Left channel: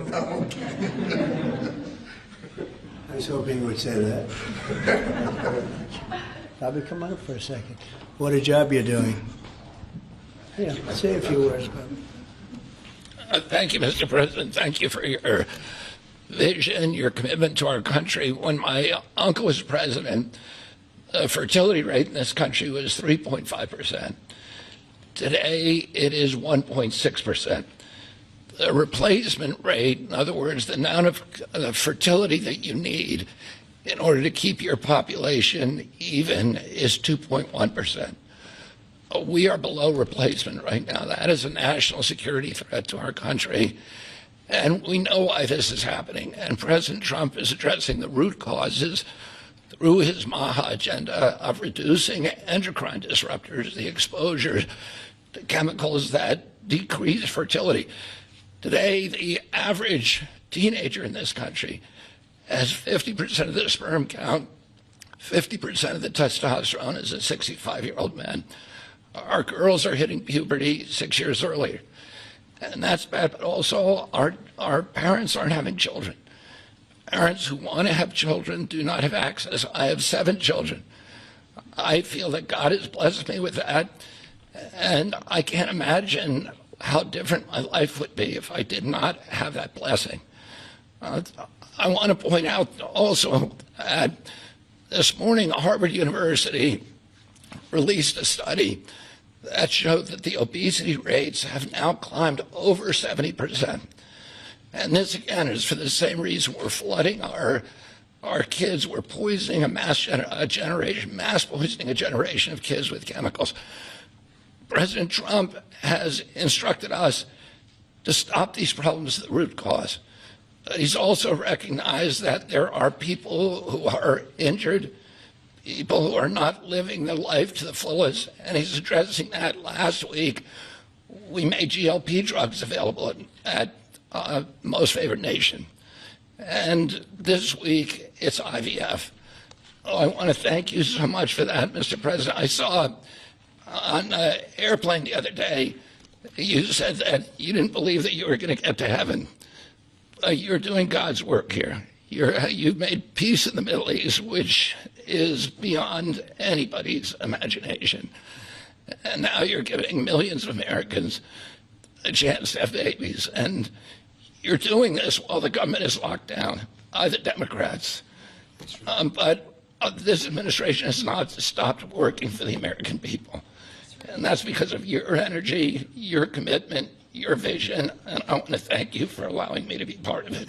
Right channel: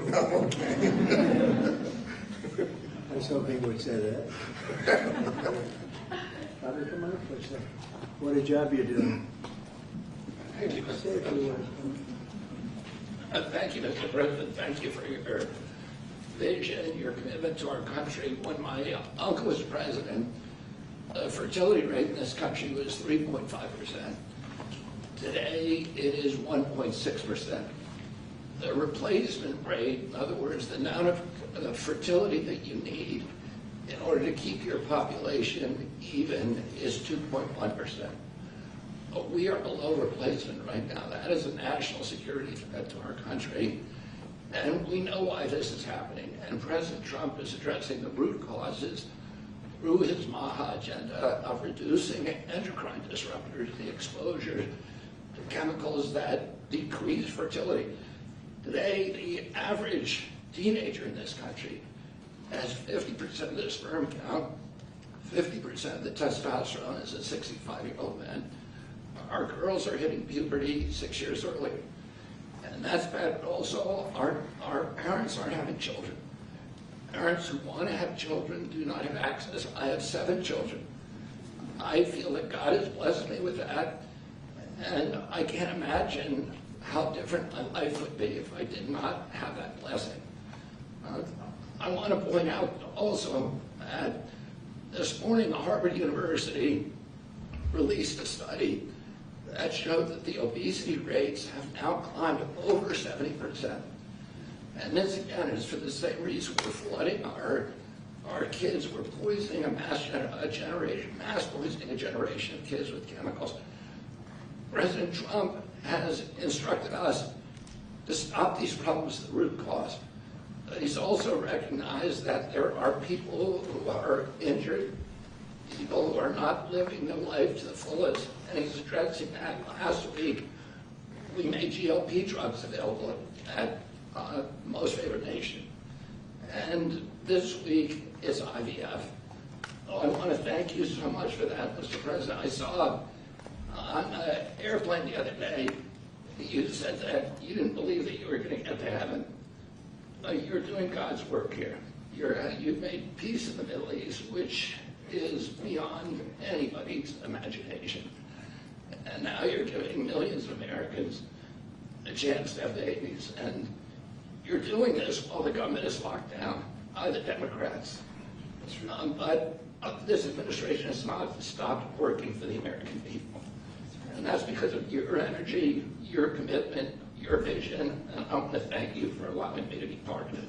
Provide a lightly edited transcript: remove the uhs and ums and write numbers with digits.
Okay. I was hoping he would say that. Bobby, come on up for a second. What a job you're doing. Yeah, say a few words, Bobby. Thank you, Mr. President. Thank you for your vision, your commitment to our country. When my uncle was president, the fertility rate in this country was 3.5%. Today, it is 1.6%. The replacement rate, in other words, the amount of fertility that you need in order to keep your population even, is 2.1%. We are below replacement right now. That is a national security threat to our country. And we know why this is happening. And President Trump is addressing the root causes through his MAHA agenda of reducing endocrine disruptors, the exposure to chemicals that decrease fertility. Today, the average teenager in this country has 50% of the sperm count, 50% of the testosterone as a 65-year-old man. Our girls are hitting puberty 6 years earlier. And that's bad, but also our parents aren't having children. Parents who want to have children do not have access. I have 7 children. I feel that God has blessed me with that, and I can't imagine how different my life would be if I did not have that blessing. I want to point out also that this morning Harvard University released a study that showed that the obesity rates have now climbed over 70%. And this, again, is for the same reason we're flooding our kids. We're poisoning mass poisoning a generation of kids with chemicals. President Trump has instructed us to stop these problems at the root cause. He's also recognized that there are people who are injured, people who are not living their life to the fullest, and he's addressing that. Last week, we made GLP drugs available at Most Favored Nation. And this week, it's IVF. I want to thank you so much for that, Mr. President. I saw on an airplane the other day, you said that you didn't believe that you were going to get to heaven. You're doing God's work here. You've made peace in the Middle East, which is beyond anybody's imagination. And now you're giving millions of Americans a chance to have babies. And you're doing this while the government is locked down by the Democrats. But this administration has not stopped working for the American people. And that's because of your energy, your commitment, your vision, and I want to thank you for allowing me to be part of it.